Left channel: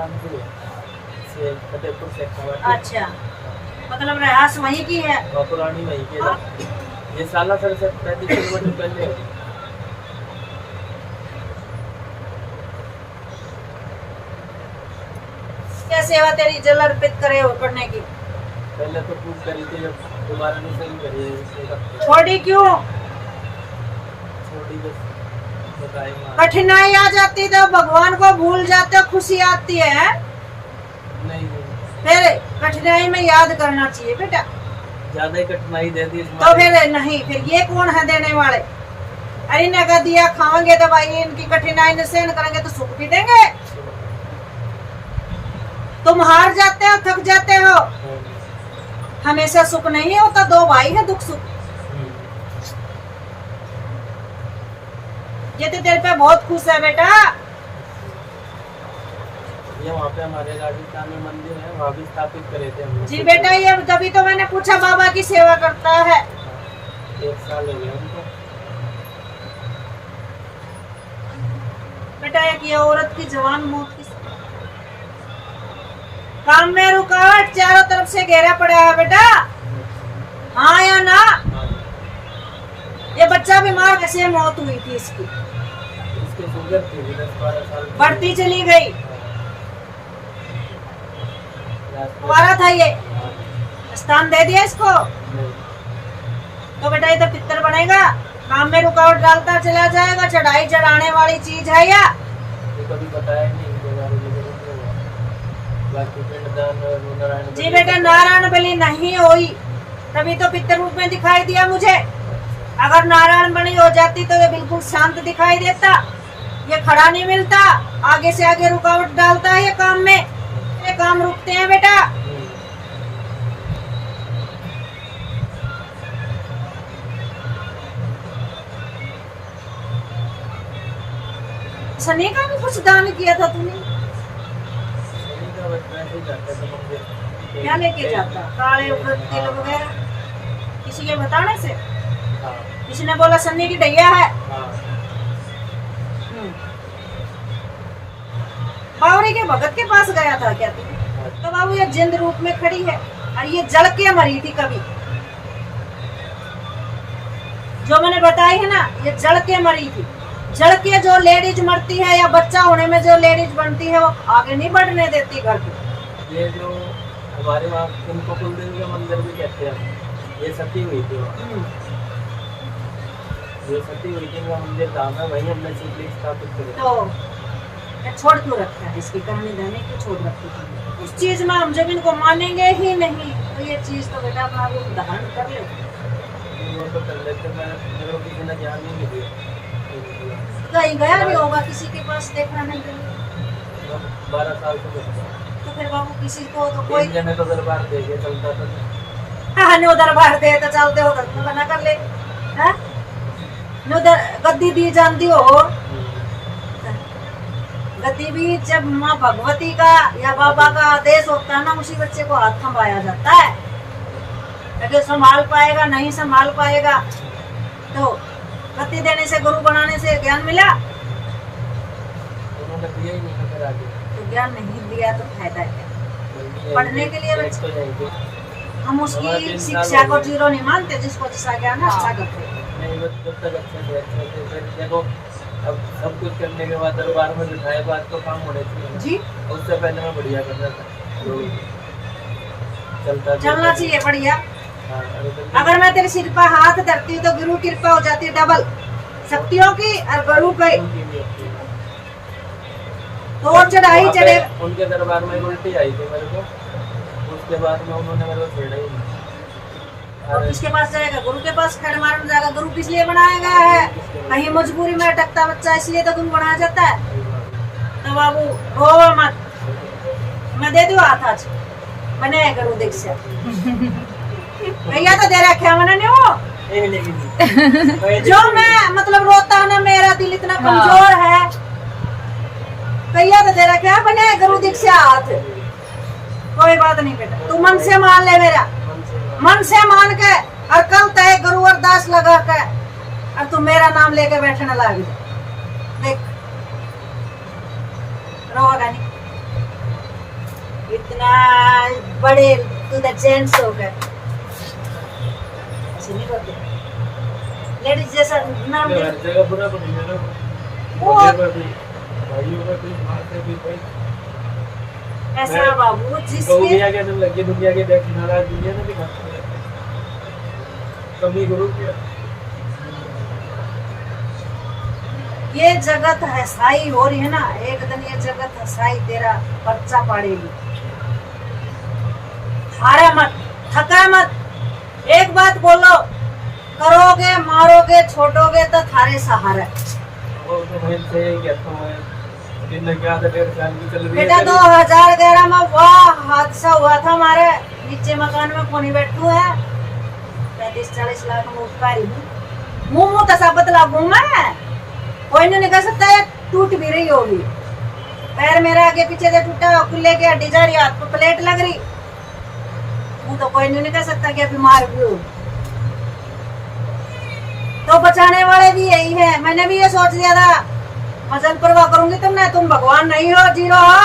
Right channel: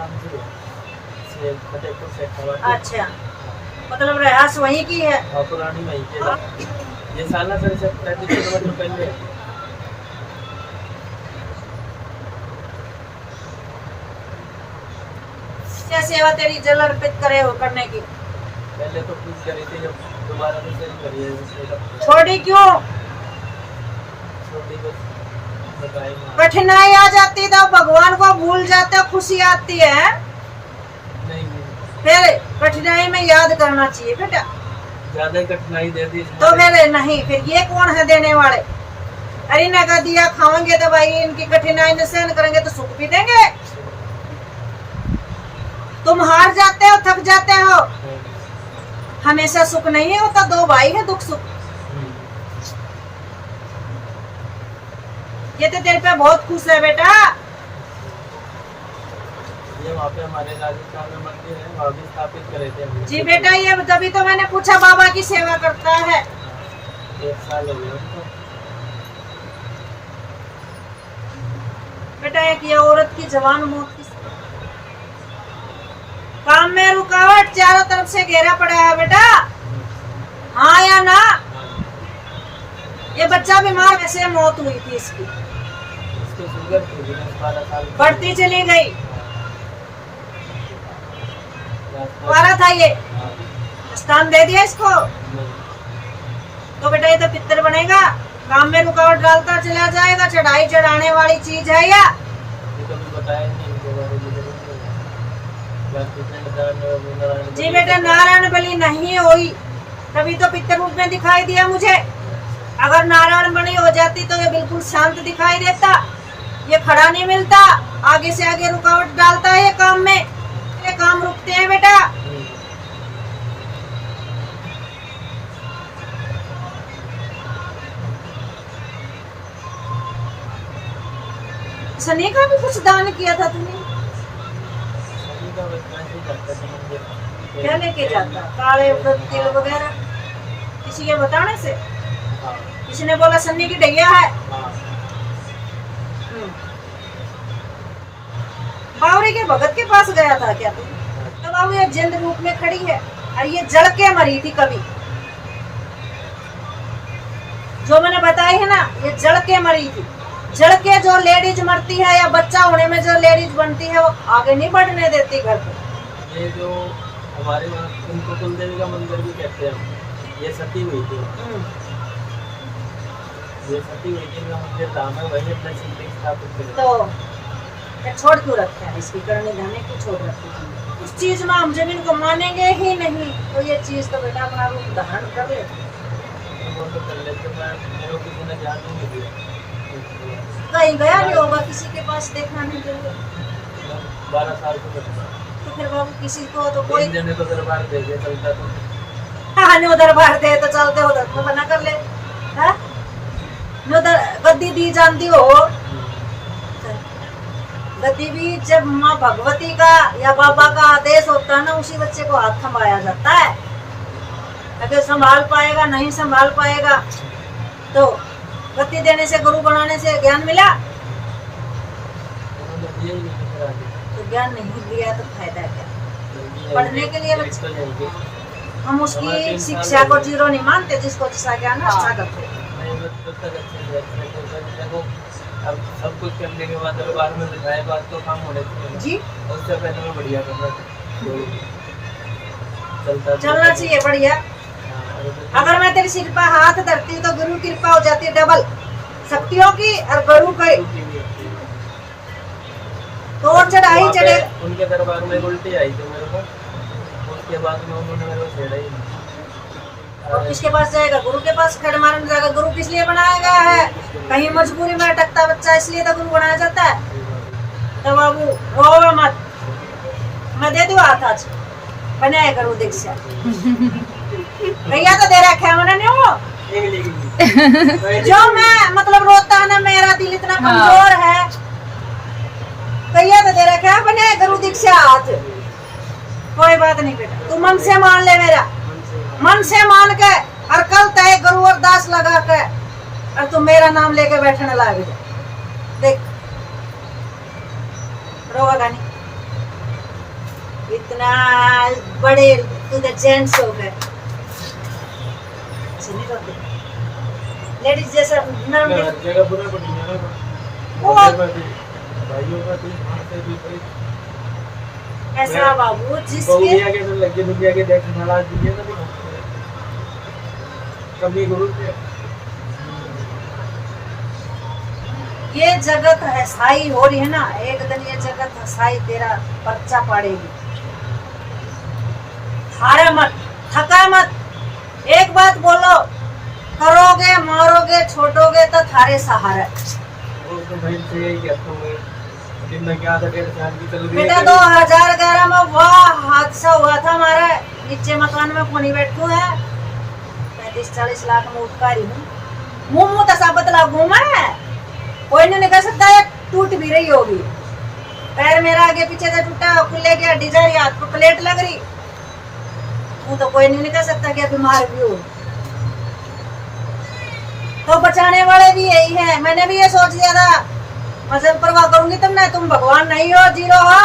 राजस्थान से फतेहपुर से अच्छा, मतलब रहास वहीं की है। और पुरानी वहीं के। ये सालासर से 35 किलोमीटर पहले है। क्या सेवा तेरी जल अर्पित करे हो करने की? पहले तो पूछ करी थी, जब दोबारा नहीं शुरू करी है उससे छोड़ी क्यों? छोटी को बताई माँ। कठिनाई आ जाती तो भगवान को भूल जाते हो, खुशी आती है। नहीं फिर कठिनाई में याद करना चाहिए बेटा। ज्यादा ही कठिनाई दे दी तो फिर नहीं, फिर ये कौन है देने वाले? अरे नगा दिया खाएंगे तो भाई इनकी कठिनाई न सहन करेंगे तो सुख भी देंगे। तुम हार जाते हो, थक जाते हो, हमेशा सुख नहीं होता। दो भाई है दुख सुख। ये तो तेरे पे बहुत खुश है बेटा। ये वहाँ पे हमारे राजस्थान में मंदिर है, वहाँ भी स्थापित करे थे हमने। जी बेटा, ये तभी तो मैंने पूछा बाबा की सेवा करता है। 1 साल हो गया उनको। बेटा एक ये औरत की जवान मौत की काम में रुकावट, चारों तरफ से घेरा पड़ा है बेटा। हाँ या ना? ये बच्चा बीमार, वैसे मौत हुई थी इसकी। इसके शुगर थी 10-12 साल की। बढ़ती चली गई। कुंवारा था ये, स्थान दे दिया इसको। तो बेटा ये तो पितर बनेगा, काम में रुकावट डालता चला जाएगा। चढ़ाई चढ़ाने वाली चीज है या? ये कभी बताया नहीं इनके बारे में। जी बेटा, नारायण बलि नहीं हुई तभी तो पितर रूप में दिखाई दिया मुझे। अगर नारायण बलि हो जाती तो ये बिल्कुल शांत दिखाई देता। ये खड़ा नहीं मिलता, आगे से आगे रुकावट डालता है ये काम में। ये काम रुकते हैं बेटा। सनी का भी कुछ दान किया था तुमने? क्या लेके जाता? काले उड़द तिल वगैरह किसी के बताने से? किसी ने बोला सन्नी की ढैया है। बावरी के भगत के पास गया था क्या तू? तो बाबू ये जिंद रूप में खड़ी है और ये जल के मरी थी कभी। जो मैंने बताई है ना, ये जल के मरी थी। जल के जो लेडीज मरती है या बच्चा होने में जो लेडीज बनती है, वो आगे नहीं बढ़ने देती घर पे। ये जो हमारे वहाँ उनको कुलदेवी का मंदिर भी कहते हैं, ये सती हुई थी। ये सती हुई थी, मंदिर धाम है, वही हमने शिवलिंग स्थापित किया। तो छोड़ क्यों रखा है? इसकी करने धरने क्यों छोड़ रखी थी? उस चीज में हम जब इनको मानेंगे ही नहीं तो ये चीज तो बेटा भाव धारण कर ले। वो तो कर लेते, मेरे को किसी ने ध्यान नहीं दिया। कहीं गया नहीं होगा किसी के पास देखना नहीं के लिए। 12 साल से तो फिर बाबू किसी को तो कोई जने को दरबार दे के चलता तो। हाँ, नो दरबार दे तो चलते हो तो बना कर ले। है नो गद्दी दी जानती हो? गद्दी भी जब माँ भगवती का या बाबा का आदेश होता है ना, उसी बच्चे को हाथ थमाया जाता है। अगर संभाल पाएगा, नहीं संभाल पाएगा तो गद्दी देने से, गुरु बनाने से ज्ञान मिला? तो ज्ञान नहीं दिया तो फायदा क्या? पढ़ने के लिए बच्चे हम उसकी शिक्षा को जीरो नहीं मानते, जिसको अच्छा ज्ञान है अच्छा करते। अब सब कुछ करने के बाद दरबार में बिठाए, बात तो काम होने चाहिए जी। उससे पहले मैं बढ़िया करना था, चलना चाहिए बढ़िया। अगर मैं तेरे सिर पर हाथ धरती तो गुरु कृपा हो जाती है डबल शक्तियों की और गुरु की। तो चढ़ाई चढ़े उनके दरबार में उल्टी आई थी मेरे को, उसके बाद में उन्होंने मेरे को छेड़ा ही नहीं। और किसके पास जाएगा? गुरु के पास खड़े मारने जाएगा। गुरु किस लिए बनाया गया है? कहीं मजबूरी में अटकता बच्चा, इसलिए तो गुरु बनाया जाता है। तो बाबू रो मत, मैं दे दूँ हाथ आज बनाए गुरु दीक्षा। भैया तो दे रखा है मैंने नहीं हो। जो मैं मतलब रोता है ना, मेरा दिल इतना कमजोर है। भैया तो दे रखा है बनाए गुरु दीक्षा हाथ। कोई बात नहीं बेटा, तू मन से मान ले, मेरा मन से मान के और कल तय गुरु अरदास लगा के और तू मेरा नाम लेके बैठने लग जा। देख रोगा नहीं। इतना बड़े तू द जेंट्स हो गए, ऐसे नहीं रोते लेडीज जैसा नाम मैं दे। हर जगह बुरा पड़ी मेरा वो- भाइयों का भी मारते भी भाई ऐसा बाबू जिसके दुनिया के अंदर लगी दुनिया के देखने वाला दुनिया का भी खाते हैं कभी गुरु के ये जगत हसाई हो रही है ना, एक दिन ये जगत हसाई तेरा पर्चा पाड़ेगी। हारा मत, थका मत, एक बात बोलो, करोगे मारोगे छोड़ोगे तो थारे सहारा। वो तो भाई से ही कहता हूँ दिन में क्या था 1.5 साल की चल रही बेटा 2011 में वह हादसा हुआ था हमारे नीचे मकान में कोनी बैठू है, 35-40 लाख में उपकारी हूँ, मुंह तो सब बतलाऊं मैं, कोई नहीं कह सकता है टूट भी रही होगी, पैर मेरा आगे पीछे से टूटा, खुले की हड्डी जा रही, हाथ पर प्लेट लग रही, वो तो कोई नहीं कह सकता कि बीमार भी हो। तो बचाने वाले भी यही है, मैंने भी ये सोच लिया था मैं सब परवाह करूंगी तुमने, तुम भगवान नहीं हो, जीरो हो।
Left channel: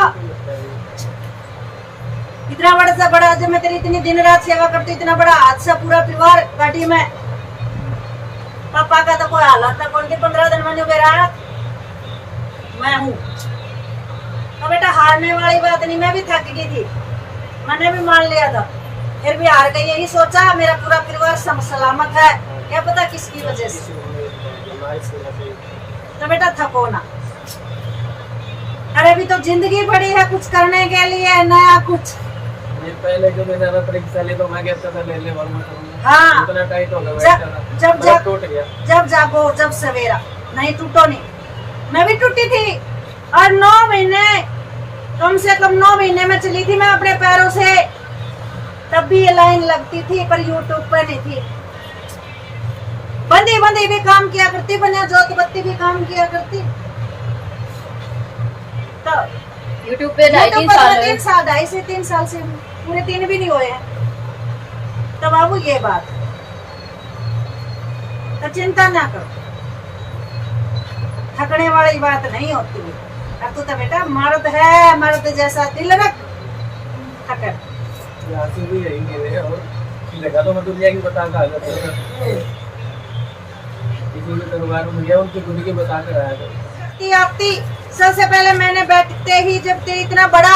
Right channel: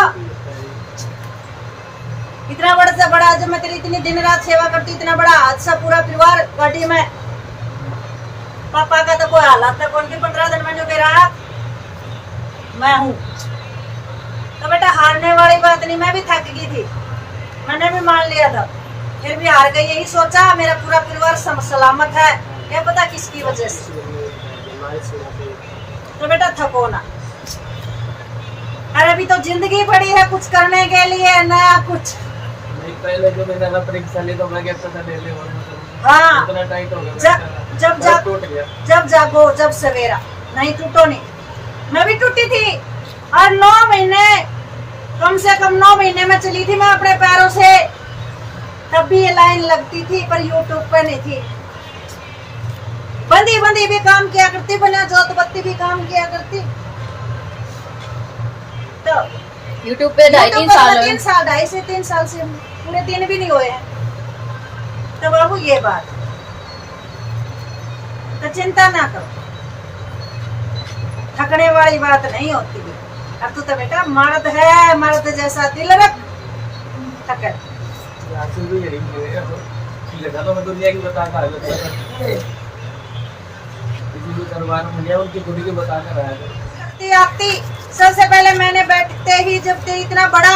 इतना बड़ा सा बड़ा, जब मैं तेरी इतनी दिन रात सेवा करती, इतना बड़ा हादसा पूरा परिवार गाड़ी में, पापा का तो कोई हालत था कौन की 15 दिन में बेरा मैं हूँ। तो बेटा हारने वाली बात नहीं, मैं भी थक गई थी, मैंने भी मान लिया था, फिर भी हार गई, यही सोचा मेरा पूरा परिवार सलामत है, क्या पता किसकी वजह से। तो बेटा थको ना, अरे अभी तो जिंदगी पड़ी है कुछ करने के लिए, नया कुछ। ये पहले जो मैंने ना परीक्षा ली तो मैं कहता था ले ले और मैं करूंगा, हाँ इतना टाइट हो गया जब टूट गया। जब जागो जब सवेरा, नहीं टूटो नहीं, मैं भी टूटी थी, और 9 महीने, कम से कम 9 महीने में चली थी मैं अपने पैरों से, तब भी ये लाइन लगती थी पर यूट्यूब पे नहीं थी, बंदी बंदी भी काम किया करती, बना जोत बत्ती भी काम किया करती। तो यूट्यूब पे 2.5-3 साल हुए। 3 साल, 2.5 से 3 साल से, पूरे 3 भी नहीं हुए हैं। तो बाबू ये बात, तो चिंता ना करो, थकने वाली बात नहीं होती है। अब तो बेटा मर्द है, मर्द जैसा दिल रख, थकर आंसू भी यही है और लगा तो मैं दुनिया की बता कर आया था किसी के दरबार में गया, उनकी खुद की बता कर आया था। आती आती सबसे पहले मैंने बैठते ही, जब ते इतना बड़ा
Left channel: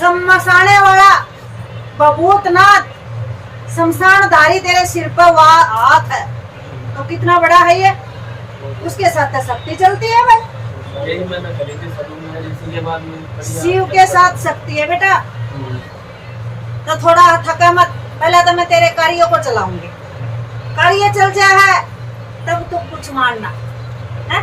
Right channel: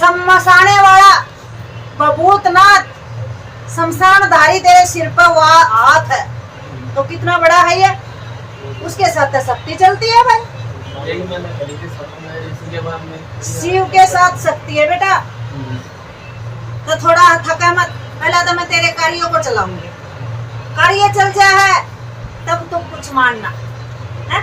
समसाने वाला बभूतनाथ शमशानधारी तेरे सिर पर हाथ है, तो कितना बड़ा है ये, उसके साथ तो शक्ति चलती है भाई, यही मैंने करी थी सब में, इसी के बाद में शिव के साथ शक्ति है बेटा। तो थोड़ा थका मत, पहले तो मैं तेरे कार्यों को चलाऊंगी, कार्य चल जाए है तब तो कुछ मानना है।